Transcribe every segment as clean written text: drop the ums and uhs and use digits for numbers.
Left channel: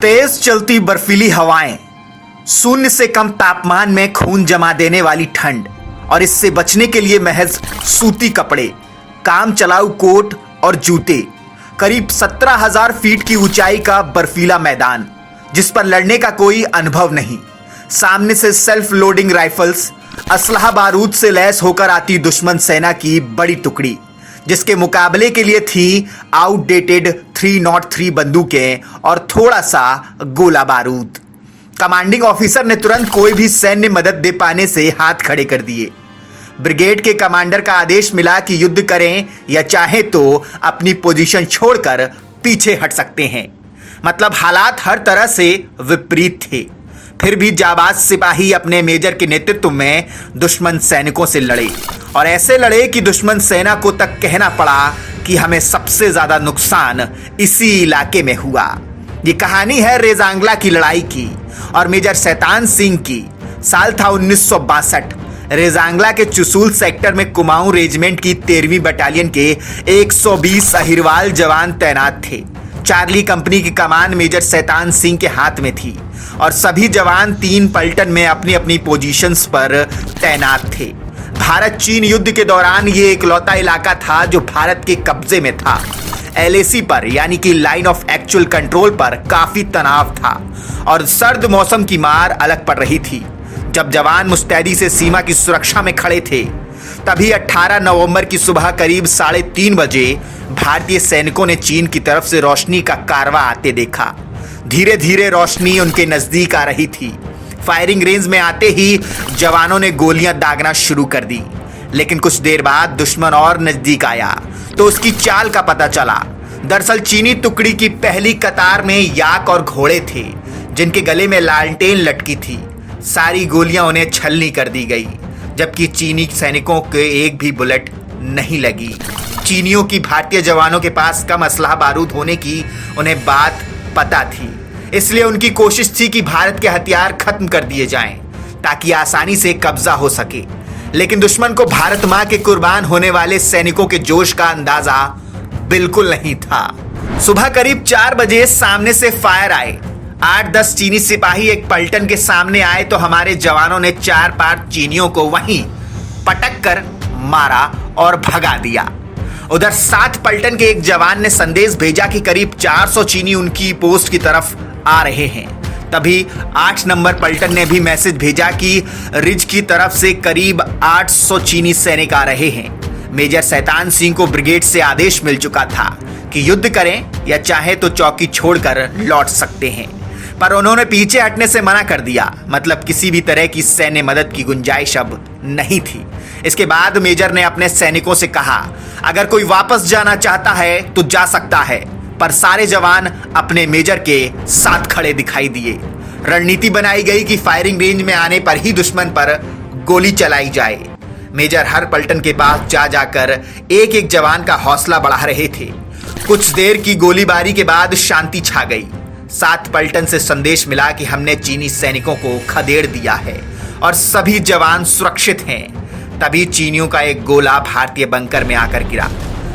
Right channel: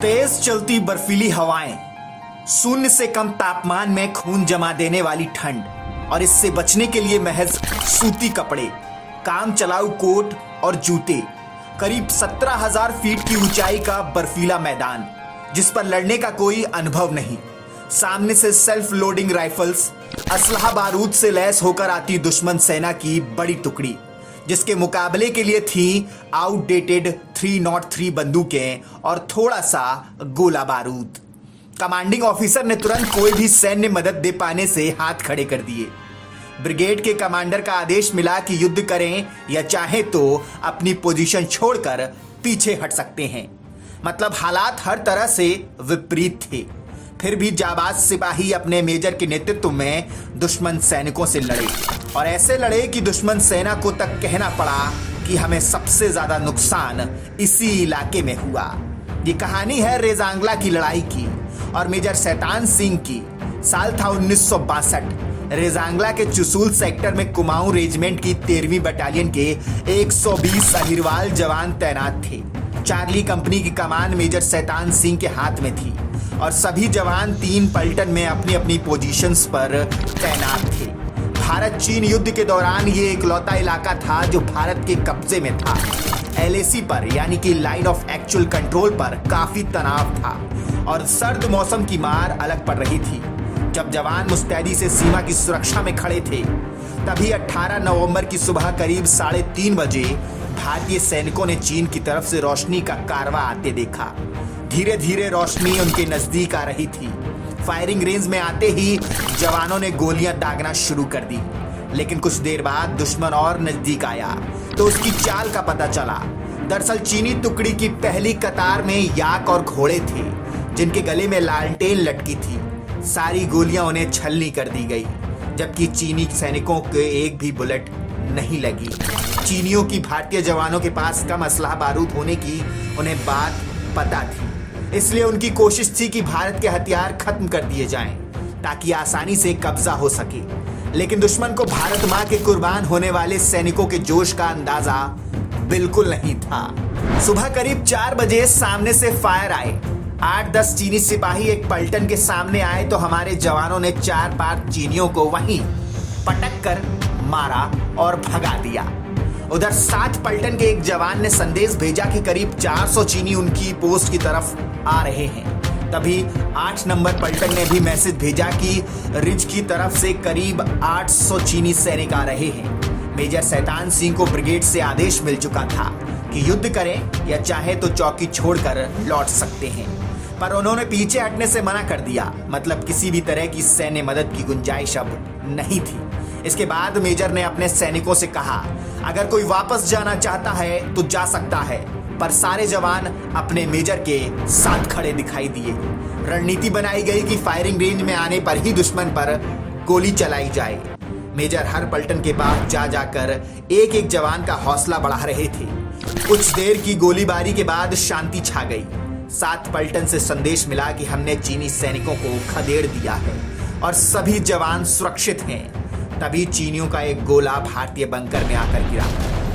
तेज चलती बर्फीली हवाएं, शून्य से कम तापमान में खून जमा देने वाली ठंड और इससे बचने के लिए महज सूती कपड़े, काम चलाऊ कोट और जूते। करीब 17,000 फीट की ऊंचाई का बर्फीला मैदान जिस पर लड़ने का कोई अनुभव नहीं। सामने से सेल्फ लोडिंग राइफल्स, असलहा बारूद से लैस होकर आती दुश्मन सेना की बड़ी टुकड़ी जिसके मुकाबले के लिए थी आउटडेटेड 303 बंदूकें और थोड़ा सा गोला बारूद। कमांडिंग ऑफिसर ने तुरंत कोई भी सैन्य मदद दे पाने से हाथ खड़े कर दिए। ब्रिगेड के कमांडर का आदेश मिला कि युद्ध करें या चाहे तो अपनी पोजीशन छोड़कर पीछे हट सकते हैं। मतलब हालात हर तरह से विपरीत थे। फिर भी जाबाज सिपाही अपने मेजर के नेतृत्व में दुश्मन सैनिकों से लड़े और ऐसे लड़े कि दुश्मन सेना को तक कहना पड़ा कि हमें सबसे ज्यादा नुकसान इसी इलाके में हुआ। ये कहानी है रेजांगला की लड़ाई की और मेजर शैतान सिंह की। साल था 1962। रेजांगला के चुसूल सेक्टर में कुमाऊं रेजिमेंट की 13वीं बटालियन के 120 अहिरवाल जवान तैनात थे। चार्ली कंपनी की कमान मेजर शैतान सिंह के हाथ में थी और सभी जवान 3 पलटन में अपनी अपनी पोजीशंस पर तैनात थे। भारत चीन युद्ध के दौरान ये इकलौता इलाका था जो भारत के कब्जे में था। एलएसी पर यानी कि लाइन ऑफ एक्चुअल कंट्रोल पर काफी तनाव था और सर्द मौसम की मार अलग पड़ रही थी। जब जवान मुस्तैदी से सीमा की सुरक्षा में खड़े थे तभी 18 नवंबर की सुबह करीब 3:30 बजे भारतीय सैनिकों ने चीन की तरफ से रोशनी का कारवा आते देखा। धीरे धीरे रोशनी उनके नजदीक आ रही थी। फायरिंग रेंज में आते ही जवानों ने गोलियां दागना शुरू कर दी। लेकिन कुछ देर बाद दुश्मन और नजदीक आया तो उसकी चाल का पता चला। दरअसल चीनी टुकड़ी की पहली कतार में याक और घोड़े थे जिनके गले में लालटेन लटकी थी। सारी गोलियां उन्हें छलनी कर दी गई जबकि चीनी सैनिकों के एक भी बुलेट नहीं लगी। चीनियों की भारतीय जवानों के पास कम असलहा बारूद होने की उन्हें बात पता थी, इसलिए उनकी कोशिश थी कि भारत के हथियार खत्म कर दिए जाएं ताकि आसानी से कब्जा हो सके। लेकिन दुश्मन को भारत मां के कुर्बान होने वाले सैनिकों के जोश का अंदाजा बिल्कुल नहीं था। सुबह करीब 4 बजे सामने से फायर आए। 8-10 चीनी सिपाही एक पलटन के सामने आए तो हमारे जवानों ने 4-5 चीनियों को वहीं पटक कर मारा और भगा दिया। उधर 7 पलटन के एक जवान ने संदेश भेजा कि करीब 400 चीनी उनकी पोस्ट की तरफ आ रहे हैं। तभी 8 नंबर पलटन ने भी मैसेज भेजा कि रिज की तरफ से करीब 800 चीनी सैनिक आ रहे हैं। मेजर शैतान सिंह को ब्रिगेड से आदेश मिल चुका था कि युद्ध करें या चाहे तो चौकी छोड़कर लौट सकते हैं, पर उन्होंने पीछे हटने से मना कर दिया। मतलब किसी भी तरह की सैन्य मदद की गुंजाइश अब नहीं थी। इसके बाद मेजर ने अपने सैनिकों से कहा, अगर कोई वापस जाना चाहता है तो जा सकता है, पर सारे जवान अपने मेजर के साथ खड़े दिखाई दिए। रणनीति बनाई गई कि फायरिंग रेंज में आने पर ही दुश्मन पर गोली चलाई जाए। मेजर हर पलटन के पास जा जाकर एक एक जवान का हौसला बढ़ा रहे थे। कुछ देर की गोलीबारी के बाद शांति छा गई। 7 पलटन से संदेश मिला कि हमने चीनी सैनिकों को खदेड़ दिया है और सभी जवान सुरक्षित हैं। तभी चीनियों का एक गोला भारतीय बंकर में आकर गिरा।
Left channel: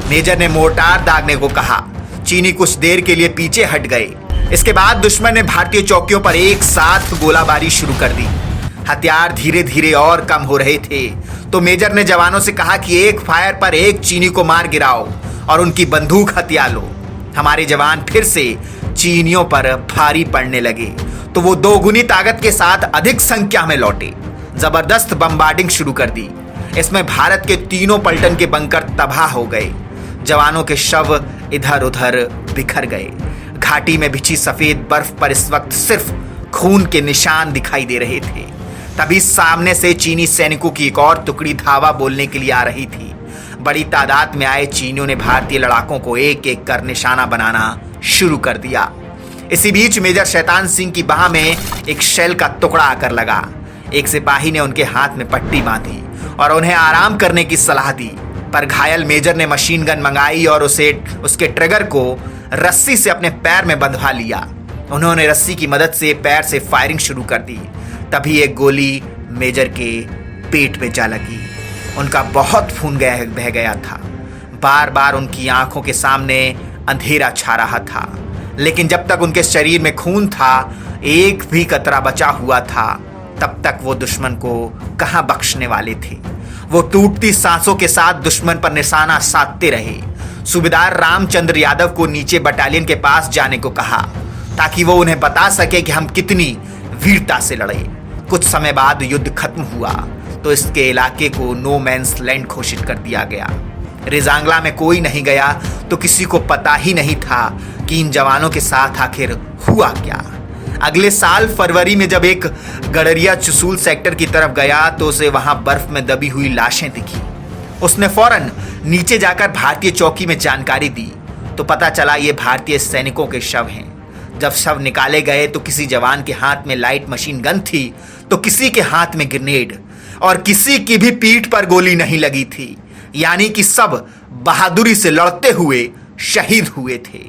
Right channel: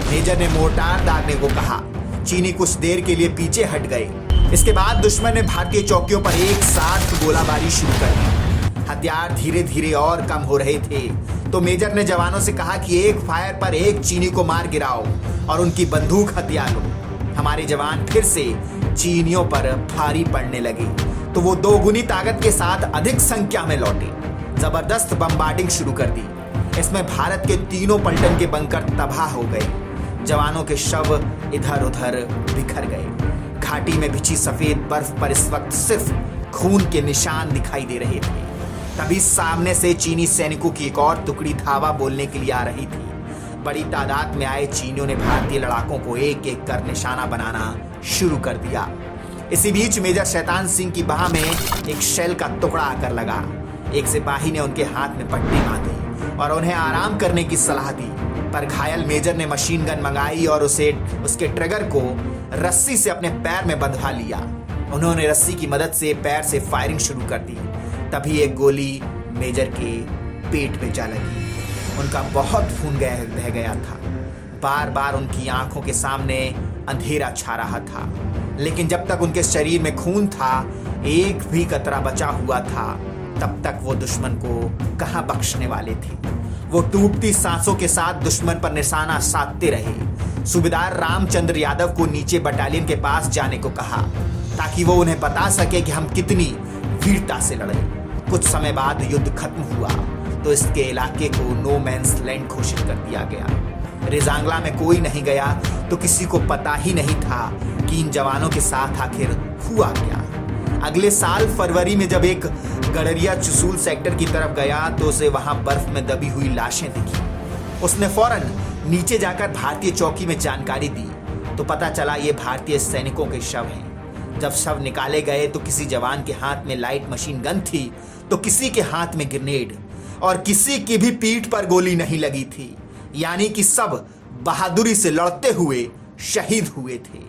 मेजर ने मोर्टार दागने को कहा। चीनी कुछ देर के लिए पीछे हट गए। इसके बाद दुश्मन ने भारतीय चौकियों पर एक साथ गोलाबारी शुरू कर दी। हथियार धीरे धीरे और कम हो रहे थे तो मेजर ने जवानों से कहा कि एक फायर पर एक चीनी को मार गिराओ और उनकी बंदूक हथिया लो। हमारे जवान फिर से चीनियों पर भारी पड़ने लगे तो वो 2 गुनी ताकत के साथ अधिक संख्या में लौटे। जबरदस्त बम्बार्डिंग शुरू कर दी। इसमें भारत के तीनों पलटन के बंकर तबाह हो गए। जवानों के शव इधर उधर बिखर गए। घाटी में बिछी सफेद बर्फ पर इस वक्त सिर्फ खून के निशान दिखाई दे रहे थे। तभी सामने से चीनी सैनिकों की एक और टुकड़ी धावा बोलने के लिए आ रही थी। बड़ी तादाद में आए चीनियों ने भारतीय लड़ाकों को एक एक कर निशाना बनाना शुरू कर दिया। इसी बीच मेजर शैतान सिंह की बाह में एक शेल का टुकड़ा आकर लगा। एक सिपाही ने उनके हाथ में पट्टी बांधी और उन्हें आराम करने की सलाह दी, पर घायल मेजर ने मशीन गन मंगाई और उसके ट्रिगर को रस्सी से अपने पैर में बंधवा लिया। उन्होंने रस्सी की मदद से पैर से फायरिंग शुरू कर दी। तभी एक गोली मेजर के पेट में जा लगी। उनका बहुत खून बह गया था। बार बार उनकी आंखों के सामने अंधेरा छा रहा था। लेकिन जब तक उनके शरीर में खून था, एक भी कतरा बचा हुआ था, तब तक वो दुश्मन को कहां बख्शने वाले थे। वो टूटती सांसों के साथ दुश्मन पर निशाना साधते रहे। सूबेदार रामचंद्र यादव को नीचे बटालियन के पास जाने को कहा ताकि वो उन्हें बता सके कि हम कितनी वीरता से लड़े। कुछ समय बाद युद्ध खत्म हुआ तो इसके इलाके को नो मैंस लैंड घोषित कर दिया गया। रेजांगला में कोई नहीं गया तो किसी को पता ही नहीं था कि इन जवानों के साथ आखिर हुआ क्या। अगले साल फरवरी में जब एक गडरिया चुसूल सेक्टर की तरफ गया तो उसे वहां बर्फ में दबी हुई लाशें दिखी। उसने फौरन नीचे जाकर भारतीय चौकी में जानकारी दी तो पता चला ये भारतीय सैनिकों के शव हैं। जब शव निकाले गए तो किसी जवान के हाथ में लाइट मशीन गन थी तो किसी के हाथ में ग्रेनेड, और किसी की भी पीठ पर गोली नहीं लगी थी। यानी कि सब बहादुरी से लड़ते हुए शहीद हुए थे।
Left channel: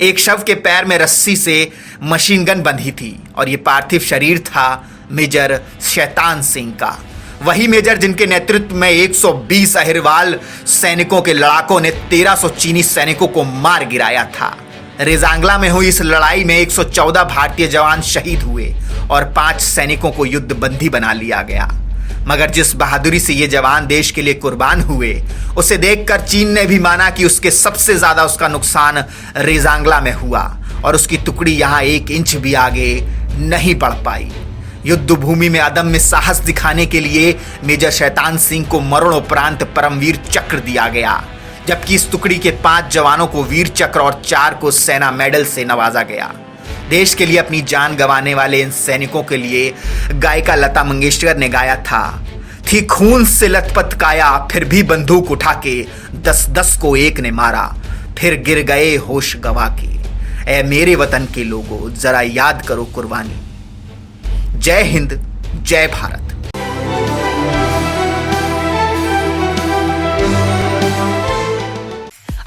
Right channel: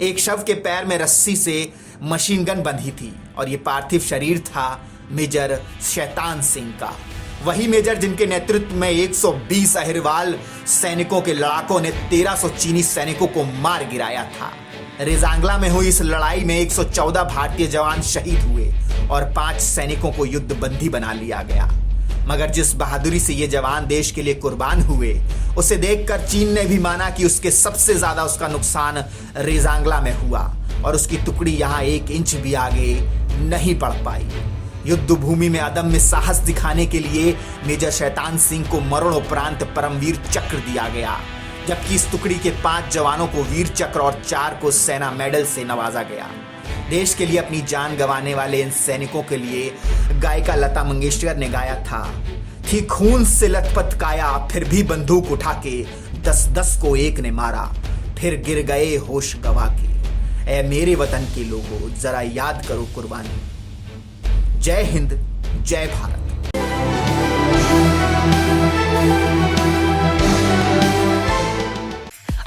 एक शव के पैर में रस्सी से मशीन गन बंधी थी और ये पार्थिव शरीर था मेजर शैतान सिंह का। वही मेजर जिनके नेतृत्व में 120 अहिरवाल सैनिकों के लड़ाकों ने 1300 चीनी सैनिकों को मार गिराया था। रेजांगला में हुई इस लड़ाई में 114 भारतीय जवान शहीद हुए और 5 सैनिकों को युद्ध बंदी बना लिया गया। मगर जिस बहादुरी से ये जवान देश के लिए कुर्बान हुए, उसे देखकर चीन ने भी माना कि उसके सबसे ज्यादा उसका नुकसान रेजांगला में हुआ और उसकी टुकड़ी यहां 1 इंच भी आगे नहीं बढ़ पाई। युद्ध भूमि में अदम्य साहस दिखाने के लिए मेजर शैतान सिंह को मरणोपरांत परमवीर चक्र दिया गया, जबकि इस टुकड़ी के 5 जवानों को वीर चक्र और 4 को सेना मेडल से नवाजा गया। देश के लिए अपनी जान गंवाने वाले इन सैनिकों के लिए गायिका लता मंगेशकर ने गाया था, थी खून से लथपथ काया, फिर भी बंदूक उठा के 10-10 को एक ने मारा, फिर गिर गए होश गवा के। ऐ मेरे वतन के लोगों, जरा याद करो कुर्बानी। जय हिंद, जय भारत।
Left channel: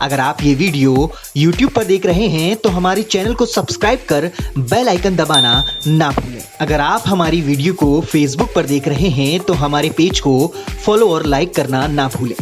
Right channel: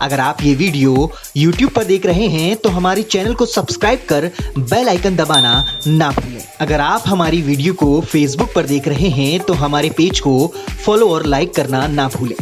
अगर आप ये वीडियो YouTube पर देख रहे हैं तो हमारे चैनल को सब्सक्राइब कर बेल आइकन दबाना ना भूलें। अगर आप हमारी वीडियो को Facebook पर देख रहे हैं तो हमारे पेज को फॉलो और लाइक करना ना भूलें।